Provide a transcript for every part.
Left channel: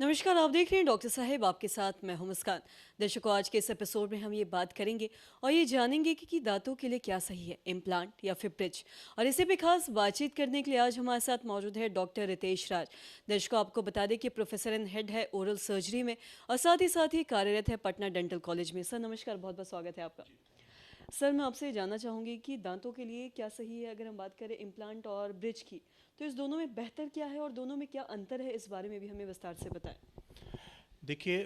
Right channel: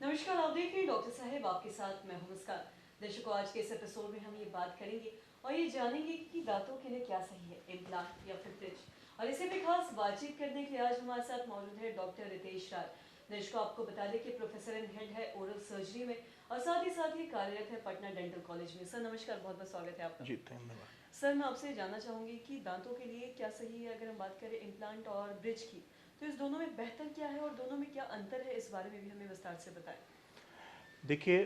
नमस्कार, आप देख रहे हैं डॉक्टर साहेब आपके साथ मैं हूं मुस्कान। दर्शकों, आज के इस एपिसोड में हम ये बात करेंगे और ये जानेंगे कि दांतों के लिए क्या सही है, इम्प्लांट या फिर ब्रिज। और इसी पे खास बातचीत करने के लिए आज हमारे साथ मौजूद है डॉक्टर रितेश राज। दर्शकों, आपको बता दें कि प्रोफेसर एंड हेड है ओरल सर्जरी में और साथ ही कार्यरत है पटना डेंटल कॉलेज में। सर नमस्कार, बहुत बहुत स्वागत है आपका। जी धन्यवाद। सर, मैं आपसे जानना चाहूँगी कि दांतों के लिए क्या सही है। अगर हम बात करें इम्प्लांट और ब्रिज की, तो इस दोनों में बेहतर क्या है और दोनों में क्या अंतर है, इस बारे में भी हमें विस्तार से बताएं। देखिए,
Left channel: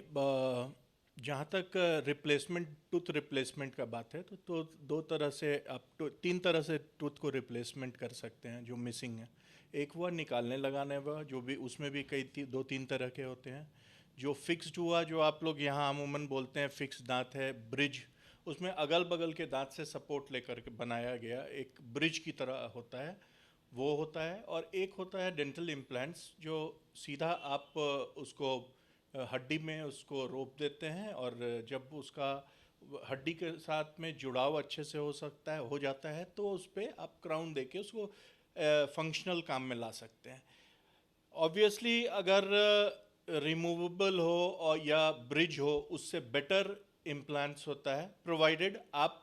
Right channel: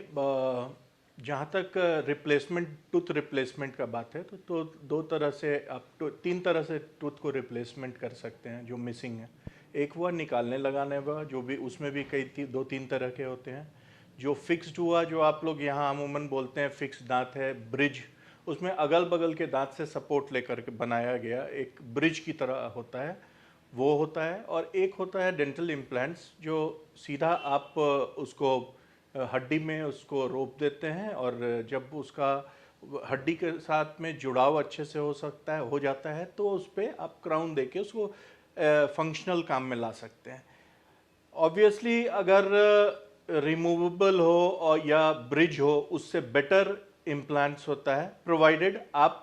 जहाँ तक रिप्लेसमेंट टूथ रिप्लेसमेंट का बात है तो दो तरह से आप तीन तरह से टूथ को रिप्लेसमेंट कर सकते हैं जो मिसिंग है। एक हुआ निकालने लगाने हुआ, जो भी उसमें भी दो तीन तरह के होते हैं। जो फिक्स्ड हुआ, जो आप लोग यहाँ अमूमन बोलते हैं फिक्स दांत है, ब्रिज, उसमें अगल बगल के दांत से सपोर्ट लेकर के बनाया गया एक ब्रिज की तरह होता है, वो होता है। और एक होता है डेंटल इम्प्लांट्स, जो सीधा आप उसको हड्डी में उसको रोप देते हैं और जब उसका हड्डी के साथ में जुड़ाव अच्छे से हो जाता है तो उस पर आप क्राउन देके उसको फंक्शनल काम में ला सकते हैं। ऑब्वियसली अगर रिमूवेबल हो और या ब्रिज हो, उससे बेटर इम्प्लांट्स होता है, प्रोवाइडेड आप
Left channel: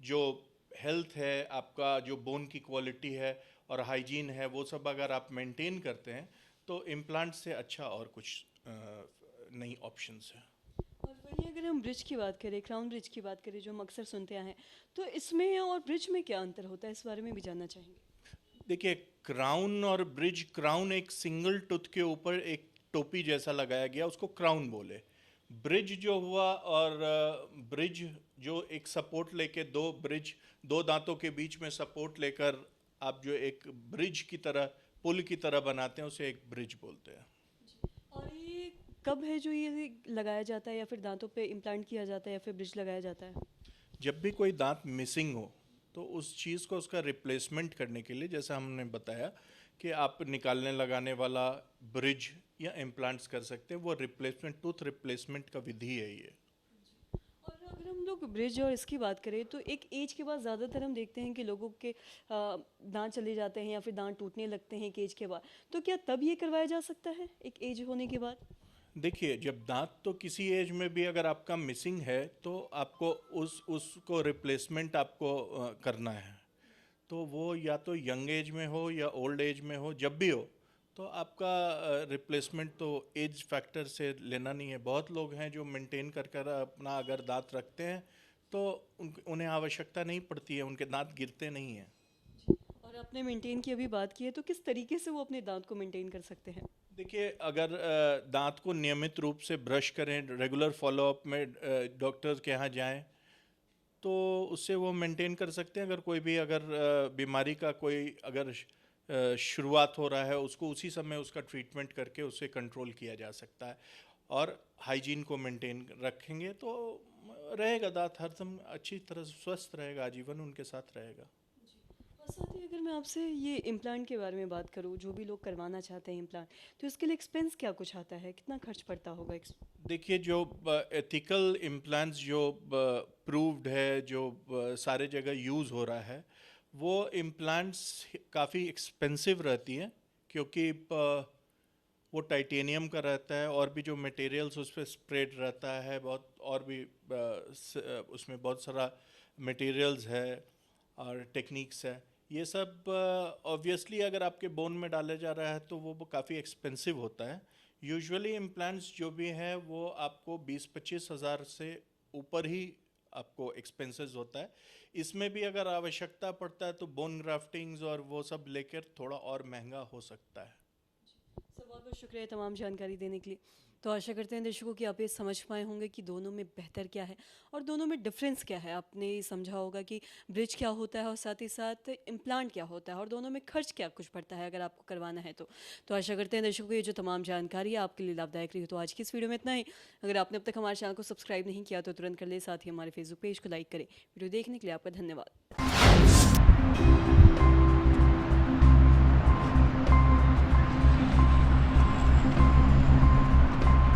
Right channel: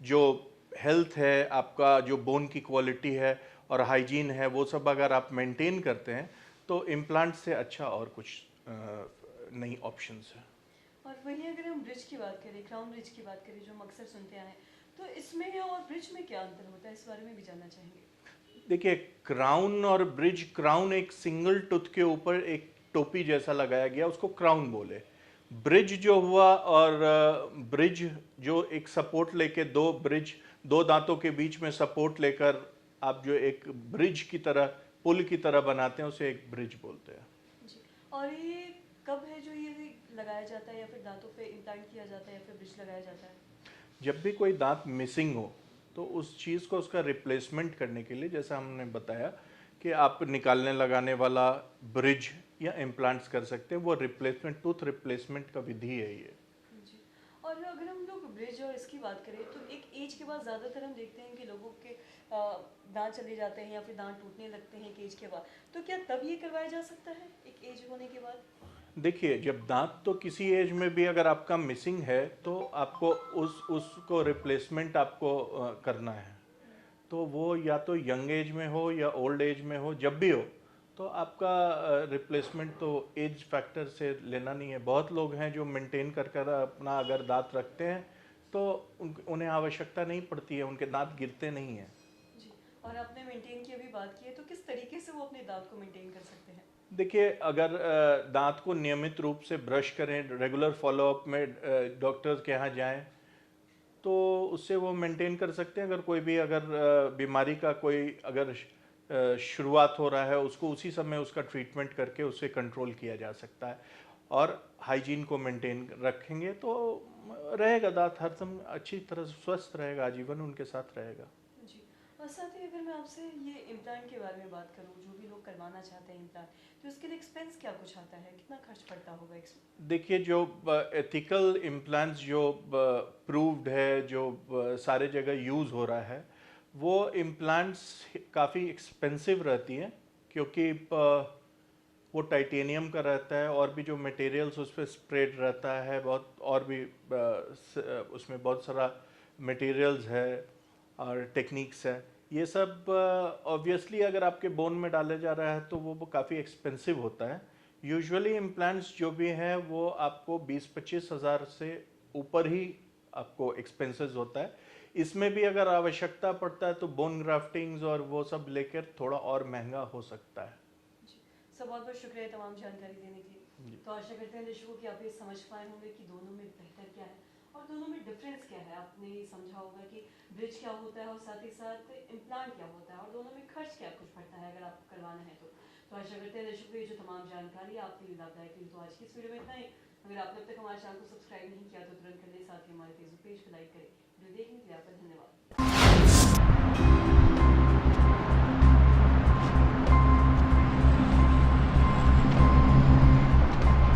जो हेल्थ है, आपका जो बोन की क्वालिटी है और हाइजीन है, वो सब अगर आप मेंटेन करते हैं तो इम्प्लांट से अच्छा और कुछ नई ऑप्शंस है। और वहीं अगर हम ब्रिज की बात करें, क्राउन ब्रिज की बात करें, जो हम अक्सर सुनते हैं, तो इसमें और ब्रिज में क्या अंतर होता है, इस बारे में भी जानना चाहेंगे। देखिए, क्राउन और ब्रिज, क्राउन एक सिंगल टूथ के ऊपर एक टोपी जैसा लगाया गया, उसको क्राउन बोले। ब्रिज जो हुआ, और ब्रिज जो एक सपोर्ट लेके दो दांतों के बीच में सपोर्ट लेकर आप जो एक ब्रिज की तरह, पुल की तरह बनाते हैं, उसे एक ब्रिज बोलते हैं। जी। और ये कब है जो ये लगाया जाता है, या फिर दांतों पे इम्प्लांट किया जाता है या फिर ब्रिज लगाया जाता है। जब भी कोई दांत मिसिंग हो तो उस चीज़ को, उसका रिप्लेसमेंट करने के लिए, जैसा हमने बताया कि आप निकालने लगाने वाला ब्रिज या इम्प्लांट्स कर सकते हैं, वो रिप्लेसमेंट, टूथ रिप्लेसमेंट का विधि है ये। जी। और अगर हम लोग ब्रिज और इसकी बात करें, तो एक एज के बाद ज़्यादातर हम देखते हैं कि लोगों के दांत चले जाते हैं या फिर दांत टूटने लगते हैं एक एज के बाद। तो क्या तब ये करवाया जा सकता है एक एज होने के बाद। देखिए, जब दांत तो किसी एज में भी अगर आपका मिसिंग है तो आपको उसको रिप्लेसमेंट आपको करना है। तो वो या तो यंग एज में हो या ओल्ड एज में हो, जब भी हो, तो आपका रिप्लेसमेंट तो एज फैक्टर से लेना नहीं है। बहुत लोग हैं जो मेंटेन कर कर अपना अगर दांत रखते हैं तो उन्हें आवश्यकता नहीं पड़ती है, उनके दांत गिरते नहीं हैं। जी। और आपने मेंटेन की अभी बात की है, तो किस तरीके से वो अपने दांत को मेंटेन कर सकते हैं। देखिए, अगर दांत को नियमित रूप से ब्रश करें, रेगुलर फॉलोअप में डॉक्टर्स के यहाँ जाएं, तो उससे वो मेंटेन कर सकते हैं। अगर कोई भी अगर बीमारी का कोई अगर शुरुआत हो रहा है, उसको उसी समय उसका ट्रीटमेंट करके उसे कंट्रोल किया जा सकता है। और हाइजीन को मेंटेन रखेंगे तो रहेगा दांत हरदम अच्छी तरह से स्वस्थ रहेगा, आजीवन उनके साथ रहेगा। जी। और साथ ही अगर मैं आपसे ये इम्प्लांट के बारे में बात करूँ, जो भी लोग करवाना चाहते हैं इम्प्लांट, तो इसके लिए एक्सपेंस क्या कुछ आता है, कितना खर्च पड़ता होगा। देखिए, जो एथिकल इम्प्लांट्स जो प्रूव्ड है, जो सारे जगह यूज़ हो रहा है, वो इम्प्लांट्स काफ़ी एक्सपेंसिव रहती हैं, क्योंकि वो टाइटेनियम का रहता है और भी जो मटेरियल्स उस पर स्प्रेड रहता है बहुत, और भी उसमें बहुत सारा मटेरियल्स है और टेक्निक्स है। ये सब ऑब्वियसली अगर आपके बोन में डाला जा रहा है तो वो काफ़ी एक्सपेंसिव होता है। यूजुअली इम्प्लांट्स जो भी हैं वो आपको 20-25 हज़ार से ऊपर ही आपको एक्सपेंसेस होता है। इसमें भी अगर आवश्यकता पड़ता है तो बोन ग्राफ्टिंग्स और वो सब लेकर थोड़ा और महंगा हो सकता है। सर, बहुत बहुत शुक्रिया तमाम जानकारी देने के लिए। तो आशा करते हैं दर्शकों कि आप ये समझ पाए होंगे कि दोनों में बेहतर क्या है और दोनों में डिफरेंस क्या है। आपने समझा होगा कि ब्रिज क्या होता है और साथ ही साथ इम्प्लांट क्या होता है और दोनों में खर्च क्या कुछ पड़ता है अगर आपको करवाना है तो आशा करते हैं दर्शकों, ये जो तमाम जानकारी है आपके लिए लाभदायक रही हो। तो आज की इस वीडियो में इतना ही। अगर आपने अब तक हमारे चैनल को सब्सक्राइब नहीं किया तो तुरंत कर ले, साथ ही हमारे फेसबुक पेज को लाइक करें। वीडियो देखने के लिए आपका धन्यवाद।